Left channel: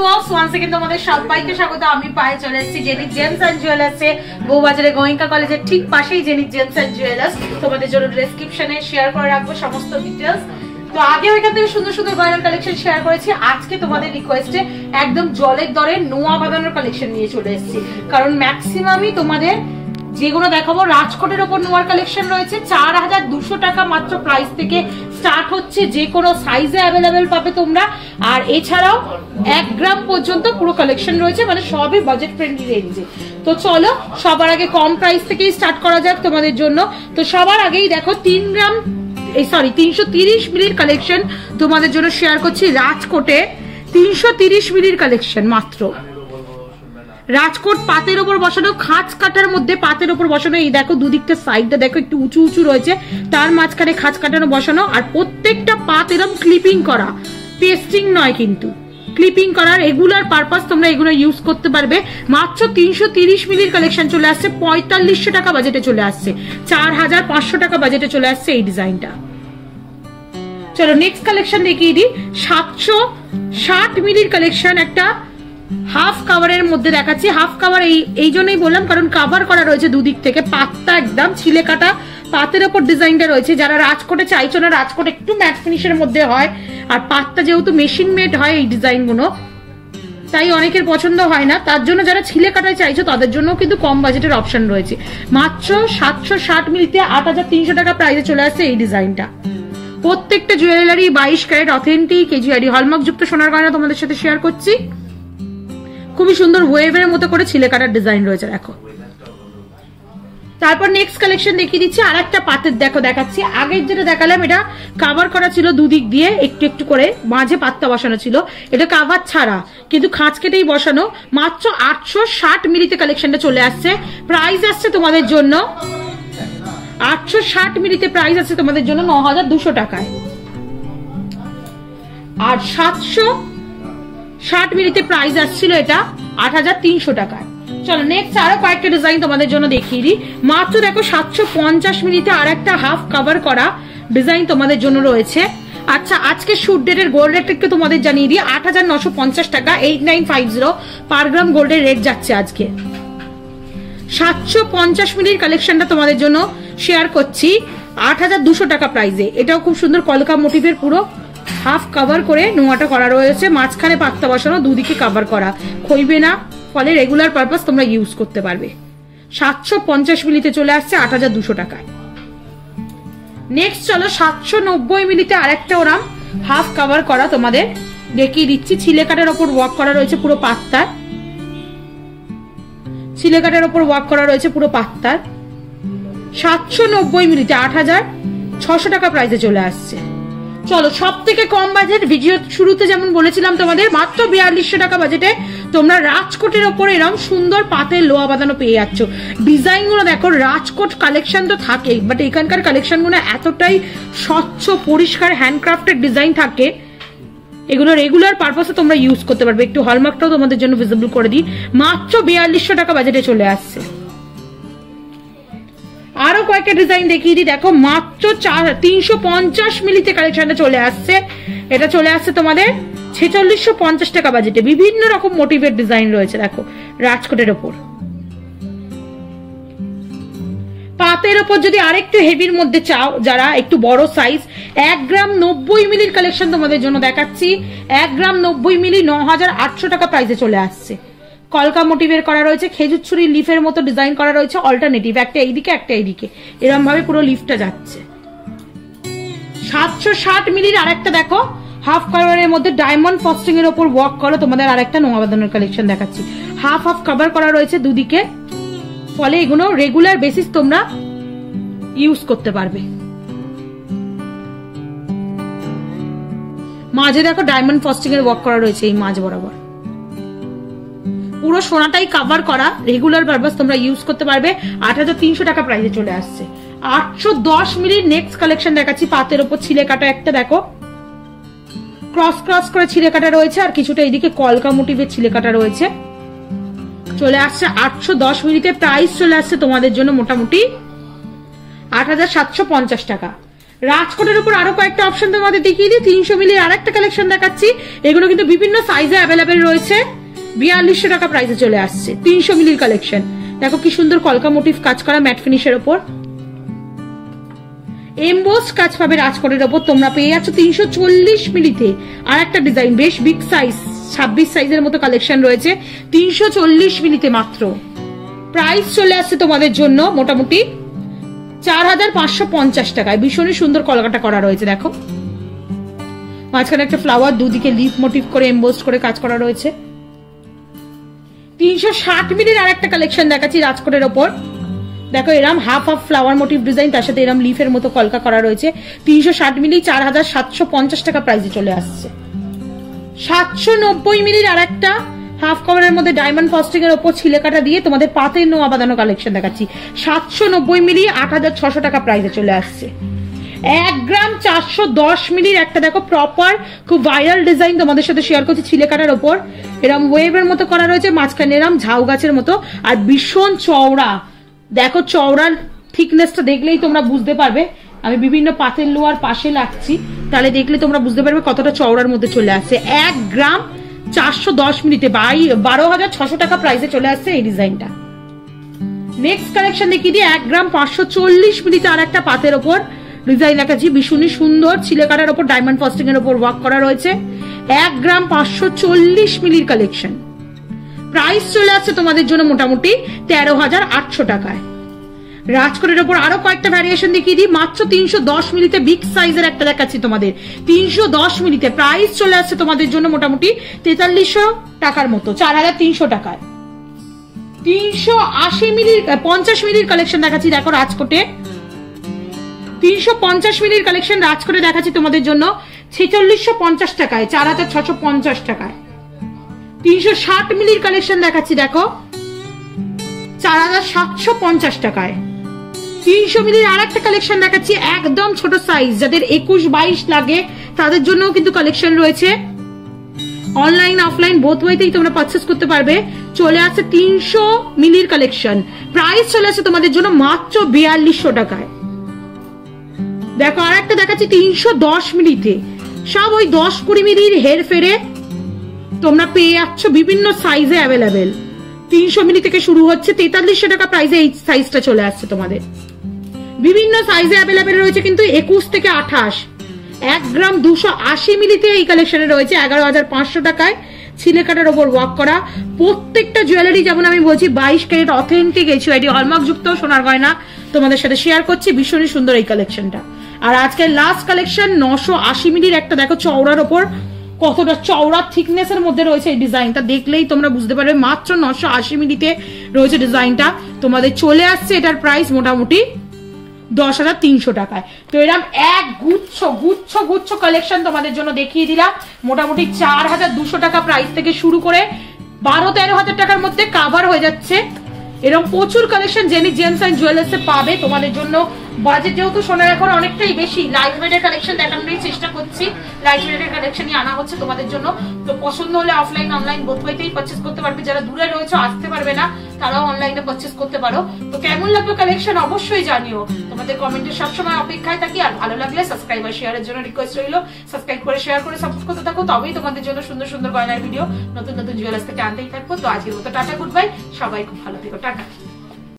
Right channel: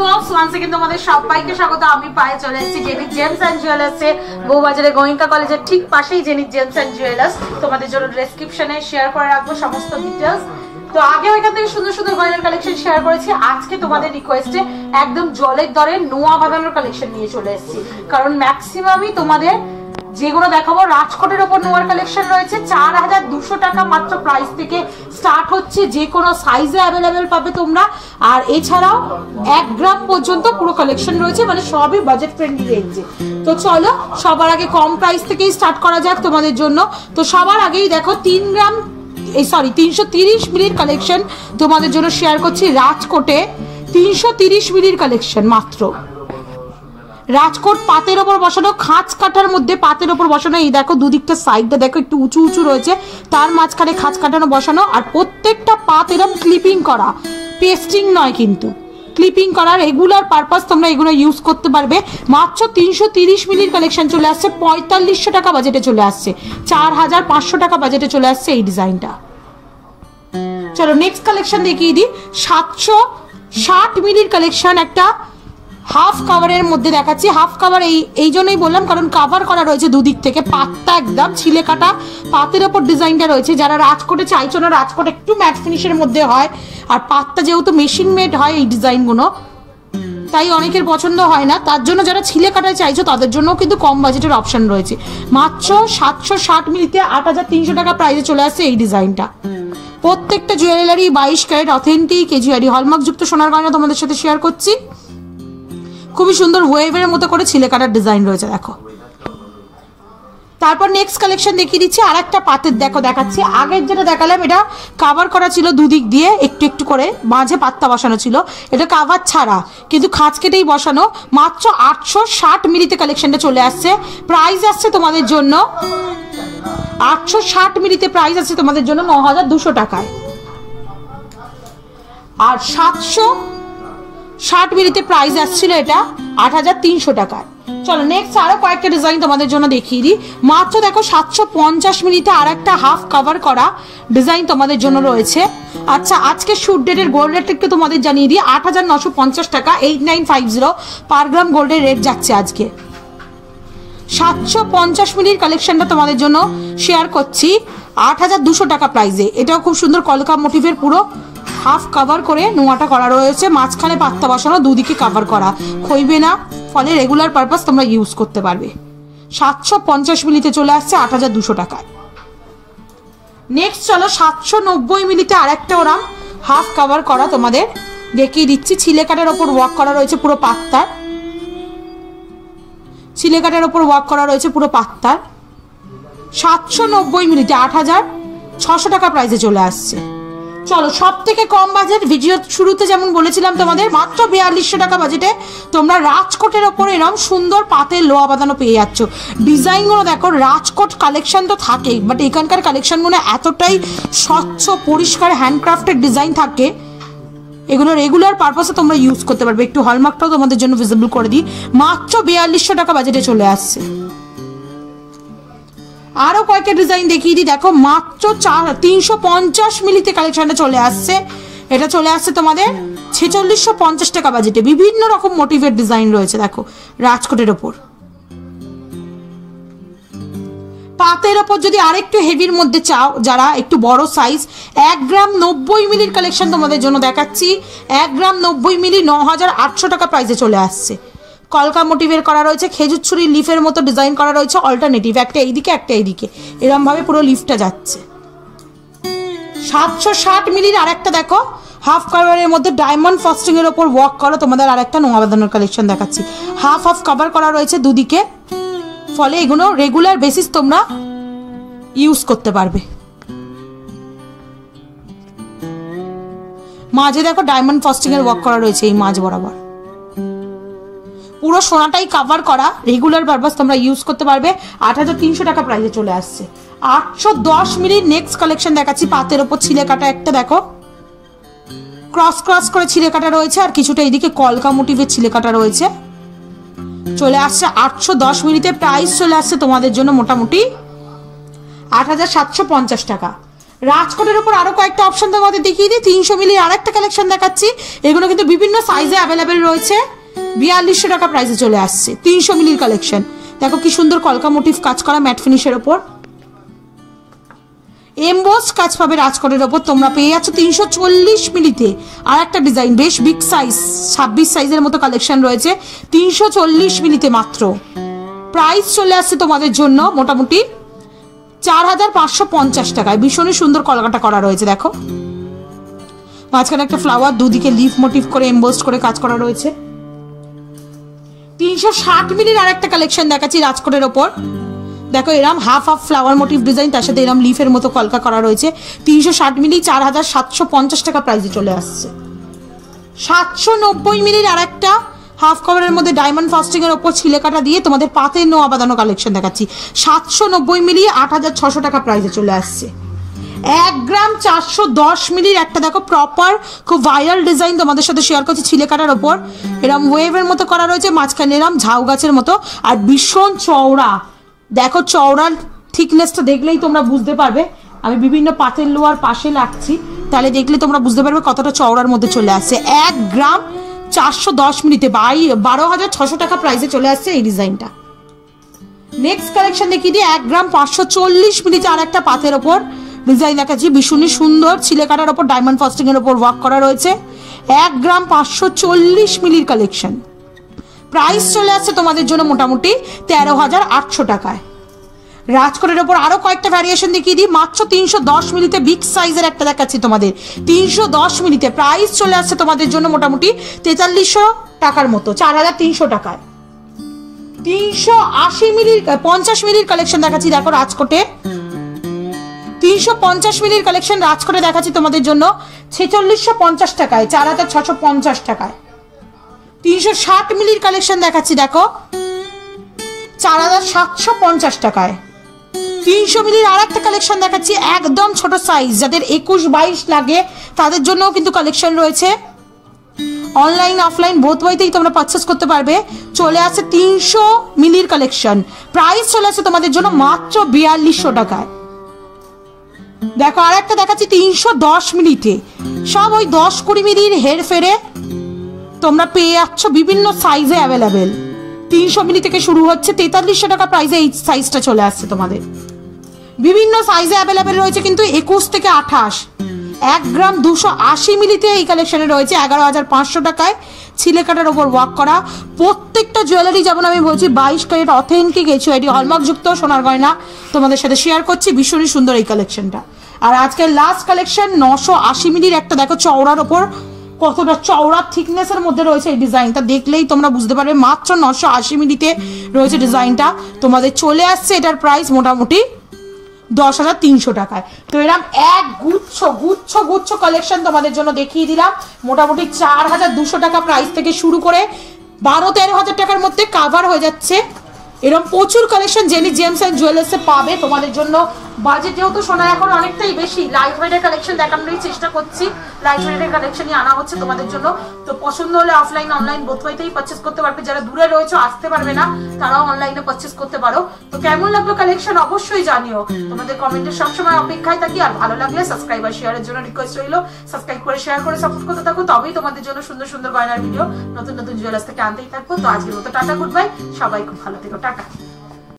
Blogs once again তোমাদের সবাইকে স্বাগত। আমি পায়ে চলে এসেছি জেনিক জেমস এন্ড জুয়েলার্সে, বউবাজারে গোয়েঙ্কা কলেজের ঠিক পাশেই জেনিক জেমস এন্ড জুয়েলার্স। তোমাদের জন্য ডেসক্রিপশনে শেয়ার করে রাখবো সমস্ত ডিটেইলস। তো আগে ওইখান থেকে সুন্দর সুন্দর গয়নার কালেকশন শেয়ার করেছি, আজকে তোমাদের রিকোয়েস্টে একদম জলের দরে নোয়া বাঁধানোর কালেকশন নিয়ে চলে এসেছি। কারণ ম্যাক্সিমামই তোমাদের যেগুলো দেখাবো রাজকোটের ওপর নোয়ার কালেকশন রয়েছে। 4200 টাকা মাত্র প্রাইস থেকে স্টার্ট হচ্ছে, যে কোনো সাইজে অ্যাভেলেবেল পাবে তোমরা। আর এছাড়াও 1 গ্রাম পর্যন্ত পুরো কালেকশন রয়েছে, মানে সবই বাজেট ফ্রেন্ডলি রেঞ্জে। তো চলো সবার আগে কম প্রাইস থেকেই স্টার্ট করা যাক তোমাদের জন্য। তো সবার আগেই দেখো 330 মিলির কালেকশন তোমাদের জন্য শেয়ার করছি। রাজকোটে 330 মিলির কালেকশন মাত্র। রাজকোট পাতের ওপর বসানো, খাঁচ কাটার মধ্যে পাতের ওপর বসানো। এই দেখো দুদিকটা সাইডটা দেখো একটু উঁচু উঁচু রয়েছে, তার মাঝখানে খাঁচ কাটানো বসানো। আর প্রত্যেকটা পাত এরকম ক্লিপিং করা, পেস্টিং নয় কিন্তু ক্লিপিং করার রেগুলার পারপাস তোমরা এগুলো ইউজ করতে পারবে। মাত্র 330 মিলির কালেকশন চলে আসছে, 4500 টাকা বাজেটে চলে আসছে, 4500 টাকা বাজেটে চলে আসছে এই ডিজাইনটা। চলো নেক্সট কালেকশন দেখিয়ে দিই। 760 মিলির কালেকশন, একটা হাফ কাভারের মধ্যে দেখাচ্ছি। হাফ কাভার এই জন্যই বললাম কারণ কাভার করা রয়েছে দুদিক থেকে, পাতটা একদম ছিলে কাটা পাতের ওপর ডিজাইনটা রয়েছে। যারা রাজকোটে চাইছো না, রাজকোট একটু ম্যাট ফিনিশের মধ্যে হয়, আর পাতটা যেহেতু মেশিন মেড হয় এই ডিজাইনগুলো, তাই অনেকের পছন্দ হয় না। তার জন্য যারা ছিলে কাটায় চাইছো তাদের জন্য কিন্তু কম বাজেটের অপশন রয়েছে। মাত্র 760 মিলিতে 8300 টাকা প্রাইসে চলে আসছে এই ডিজাইনটা। প্রত্যেকটা জুয়েলারি 22 ক্যারেট অথেন্টিক কেজিআরি হলমার্ক যুক্ত সোনার গয়না তোমাদের সাথে শেয়ার করছি। খুবই সুন্দর ওয়েভের মতো করে ছিলে কাটার ডিজাইন রয়েছে দেখো। তারপর নেক্সট কালেকশন দেখিয়ে দিচ্ছি। আর একটা পাতের দেখো দেখাচ্ছি। আগের যেটা দেখালাম এটা কাভার করা ছিল দুদিক দিয়ে, একটু একটু করে মাঝে পাত্তা বসানো ছিল। এটা কাভার ছাড়া কিন্তু খাঁচ কেটেই বসানো। মাত্র 860 মিলিতে কালেকশনটা চলে আসছে। প্রাইস আসছে তোমাদের জন্য 860 মিলিতে প্রাইস আসছে তোমাদের জন্য 9200 টাকায়। আর 760 মিলিতে প্রাইস আসছিল এটা 8300 টাকায়। চলো নেক্সট আরো কয়েকটা ডিজাইন তোমাদের জন্য দেখিয়ে দিই। মাত্র দেখো 750 মিলিতে আর একটা হাফ কভার করা ডিজাইন তোমাদের জন্য রয়েছে। আচ্ছা আজকে শুট ডেটের গোল্ড রেট একটু তোমাদের জানিয়ে দিই। 8950 টাকা, 8950 পার গ্রাম গোল্ডের রেট যাচ্ছে আজকে। 750 মিলির কালেকশনটা তোমাদের জন্য শেয়ার করছি 8200 টাকা প্রাইসে। এটাও খুব সুন্দর কলকা মোটিভের পুরো হাফ কভার করে নোয়াটা করা রয়েছে, মাঝখানে পাত্তা বসানো, দুদিকে কভার করা, খইবে না, ফলে রেগুলার পারপাস তোমরা ইউজ করতে পারবে। 750 মিলিতে চলে আসছে 8200 টাকায়। নেক্সট চলো 790 মিলিতে আরেকটা ওরা হাফ কভার করা তোমাদের দেখিয়ে দিচ্ছি। ছিলে কাটার ওপর ওয়ার্ক করা রয়েছে পুরো পাত্তার, ছিলে কাটার ওপর ওয়ার্ক করা রয়েছে পুরো পাত্তার। 790 মিলিতে 8600 টাকা প্রাইসে চলে আসছে। চলো সব থেকে কম বাজেট, ভিডিও শুরুতে যেমন বলেছিলাম তোমাদের, মাত্র 4200 টাকা বাজেটে তোমরা রাজকোটের ওপরে এরকম সুন্দর পাতে লোয়া বাঁধানো পেয়ে যাচ্ছ। ডিজাইনগুলো দেখো, রাজকোট কালেকশন তো থাকেই, বাট এখানকার কালেকশনগুলো এতটাই স্বচ্ছ পরিষ্কার হ্যান্ডক্রাফটেড ডিজাইন থাকে, এগুলো রেগুলার পারপাসে তোমরা ইউজ করতে পারবে। একটু হলমার্কটাও তোমাদের জন্য ভিজিবল করে দিই। মাত্র 4200 টাকা বাজেটে চলে আসছে। আরো কয়েকটা ডিজাইন দেখিয়ে দিই। দেখো মাত্র 350 মিলিতে কালেকশনটা চলে আসছে। এটা চলে আসছে তোমাদের 4650 টাকা বাজেটে। বিভিন্ন রকম মোটিভের ডিজাইন রয়েছে দেখো রাজকোটের ওপর। পাতের ওপর যদি আরেকটু হেভির মধ্যে চাও, যারা একটু বড় সাইজ, 1 গ্রাম 90 মিলির কালেকশন তোমাদের জন্য দেখাচ্ছি। 1 গ্রাম 90 মিলি 9800 টাকা প্রাইসে চলে আসছে। কলকা মোটিভের করা রয়েছে, খেজুর ছুরির লিফের মতো ডিজাইন করা রয়েছে, অল্টারনেটিভ, একটা এইদিকে একটা এইদিকে, এরকম ভাবে পুরো লিফটা যাচ্ছে। 760 মিলির আরেকটা দেখো হাফ কাভারের মধ্যে ডায়মন্ড ফস্টিং এর উপর ওয়ার্ক করা তোমাদের আরেকটা নোয়া বাঁধানোর কালেকশন দেখাচ্ছি। হাফ হাফ কভার করা রয়েছে দুদিকে, ফলে এগুলো রেগুলার বেসিস তোমরা ইউজ করতে পারবে। মাঝে দেখো ডায়মন্ড ফস্টিং এর ওয়ার্ক করা রয়েছে এই মাঝ বরাবর। পুরো সোনাটাই কভার করা, রেগুলার পারপাস তোমরা ইউজ করতে পারবে। 8300 টাকা প্রাইসে চলে আসছে। 810 মিলির নেক্সট কালেকশন দেখাচ্ছি। পাতের ওপর ছিলে কাটা একটা দেখো, ক্রস ক্রস করে ছিলে কাটা রয়েছে, আর কিছুটা এদিকে কলকা মোটিভের ছিলে কাটা রয়েছে। চলে আসছে 810 মিলিতে। প্রাইস চলে আসছে তোমাদের জন্য মোটামুটি 8750 টাকা। রাজকোটের উপর আরো কয়েকটা অপশন তোমাদের দেখিয়ে দিই। 300 মিলির আরেকটা কালেকশন দেখাচ্ছি, এগুলো কিন্তু বিভিন্ন সাইজে অ্যাভেলেবেল রয়েছে। 4200 টাকা প্রাইসে চলে আসছে 300 মিলির কালেকশন। দেখো কি সুন্দর কলকা মোটিভ কাজ করা ম্যাট ফিনিশের উপর, এমবোস কাজ পাবে রাজকোটের ওপর। তোমরা পেয়ে যাচ্ছ 340 মিলিতে আর একটা ডিজাইন, বেশ বিগ সাইজ, 26 সাইজের মতো কালেকশন রয়েছে 340 মিলিতে মাত্র। প্রাইস চলে আসছে তোমাদের জন্য মোটামুটি 4550 টাকায়। ভীষণই সুন্দর কলকাটা করা রয়েছে, দেখো মাঝখানে একটা ফ্লাওয়ার, দুদিকে লিফ মোটিভ করে এমবোস করে কাজ করা রয়েছে। 360 মিলির আরেকটা কালেকশন দেখাচ্ছি রাজকোটের ওপর। দেখো এরম half half flower motive design, তার সাথে এরম লিফের মতো কলকা করা রয়েছে। 360 মিলি 4750 টাকা প্রাইসে চলে আসছে। 790 মিলির আরেকটা হাফ কভারের মধ্যে ডায়মন্ড ফস্টিং এর উপর ছিলে কাটা দিয়ে তোমাদের পাতের নোয়া বাঁধানো কালেকশন দেখাচ্ছি। 790 মিলি 8600 টাকা প্রাইসে চলে আসছে। 1 গ্রাম 410 মিলির একটা দেখো প্রপার খুব ভাইরাল ডিজাইন তোমাদের সাথে শেয়ার করছি। ছিলে কাটার ওপর এরম ওয়েভের মতো করা রয়েছে, মাঝখানে এরম ঝাউ গাছের মতো, আর ভীষণ চওড়া। দেখো চওড়ার থিকনেসটা দেখলেই তোমরা বুঝতে পারবে। আমি বিভিন্ন পাতের লোয়ার পাশে রাখছি, তাহলে দেখলে তোমরা বুঝতে পারবে কতটা চওড়ার মধ্যে চলে আসছে। 1 গ্রাম 410 মিলিতে 12600 টাকা প্রাইসে চলে আসছে এই ডিজাইনটা। নেক্সট কালেকশন দেখিয়ে দিই। 1 গ্রাম 540 মিলিতে আর একটা পাতের ওপর ডিজাইন দেখাচ্ছি, ভীষণই সুন্দর ছিলে কাটার ওপর ডায়মন্ড ফস্টিং এর ওপর ওয়ার্ক করা রয়েছে। 1 গ্রাম 540 মিলির কালেকশন। প্রাইস চলে আসছে তোমাদের জন্য মোটামুটি 13800 টাকায়। রাজকোটের ওপর আরো কয়েকটা ভ্যারিয়েশন দেখিয়ে দিই। মাত্র 310 মিলিতে বিগ সাইজের একটা দেখাচ্ছি তোমাদের, 310 মিলিতে। প্রাইস চলে আসছে তোমাদের জন্য মোটামুটি 4300 টাকার মতো, 4300 টাকায়। 380 মিলির 50 মিলির কালেকশন দেখাচ্ছি, দেখো রাজকোটে 350 মিলির কালেকশন রাজকোটে দেখাচ্ছি তোমাদের জন্য 4650 টাকায়, 4650 টাকায়। 360 মিলির কালেকশন দেখাচ্ছি, দেখো 4750 টাকায়। 300 মিলির আর একটা কালেকশন দেখাচ্ছি, একদম ছোট সাইজ, যাদের 21-22 লাগে তাদের জন্যও কিন্তু কালেকশন রয়েছে। অনলাইন অফলাইন বোথ ওয়েতেই তোমরা পারচেস করতে পারবে। চলে আসছে 300 মিলির কালেকশন। প্রাইস চলে আসছে তোমাদের জন্য মাত্র 4200 টাকায়। দেখো আর একটা দেখাচ্ছি 310 মিলিতে, সব ওই 10-20 মিলির হের ফেরে তোমরা পেয়ে যাচ্ছ বিভিন্ন সাইজে অ্যাভেলেবেল। 300 মিলি থেকে শুরু হচ্ছে 4300 টাকা প্রাইসে এই সাইজটা চলে আসছে তোমাদের। বিভিন্ন সাইজে অ্যাভেলেবেল রয়েছে কিন্তু 21 থেকে 28। 1 গ্রাম 280 মিলিতে এই কালেকশনে রয়েছে 11500 টাকায়, ছিলে কাটার ওপর ওয়ার্ক করা। প্রত্যেকটা জুয়েলারি যেমন আমি বলছি 22 ক্যারেট অথেন্টিক এইচআইডি হলমার্ক যুক্ত সোনার গয়না তোমাদের সাথে শেয়ার করছি। ভীষণই সুন্দর এই কালেকশনটা। আর আজকের লাস্ট কালেকশন 980 মিলির একটা দেখো চওড়ার ওপর, কতটা চওড়া থিকনেসের মধ্যে রয়েছে এই ডিজাইনটা, দেখলেই তোমরা বুঝতে পারবে। মাত্র 980 মিলিতে রয়েছে ডিজাইনটা তোমাদের চলে আসছে। এটার প্রাইস মোটামুটি 10300 টাকায়। তো এরকম এক গুচ্ছ গুচ্ছ গুচ্ছ কালেকশন তোমাদের জন্য দেখিয়ে দিলাম। মোটামুটি 4200 টাকা প্রাইস থেকে শুরু করে 12-13 হাজার টাকার মধ্যে কাভার হয়ে যাচ্ছে। এরকম প্রচুর কালেকশন জেনি জেমস এন্ড জুয়েলার্সে পাবে তোমাদের জন্য। বাজেট যেহেতু সোনার এখন অনেকটাই বেশি, লাইট ওয়েটের কালেকশন দেখানোরই চেষ্টা করছি। লাইট ওয়েটের কালেকশনই আনা হচ্ছে তোমাদের জন্য। তো পছন্দ হলে অফলাইন অনলাইন বোথ ওয়েতেই পারচেস করতে পারবে। যারা দূরে রয়েছে আসতে পারবে না তারাও অনলাইনে পারচেস করতে পারো। তো কেমন লাগলো কালেকশন অবশ্যই জানিও, তোমাদের কমেন্টে সবসময় অপেক্ষায় থাকি। আর ভালো লাগলে সাবস্ক্রাইব আর শেয়ারের জন্য রিকোয়েস্ট রইলো, সাবস্ক্রাইব করে শেয়ার করে সাপোর্ট করতে থাকো, তবেই তোমাদের জন্য সুন্দর সুন্দর গয়নার ভিডিও নতুন নতুন জুয়েলার্স থেকে আনতেই থাকবো। তো আজকের মতো টাটা, গুড বাই, সবাই খুব ভালো থেকো, টাটা।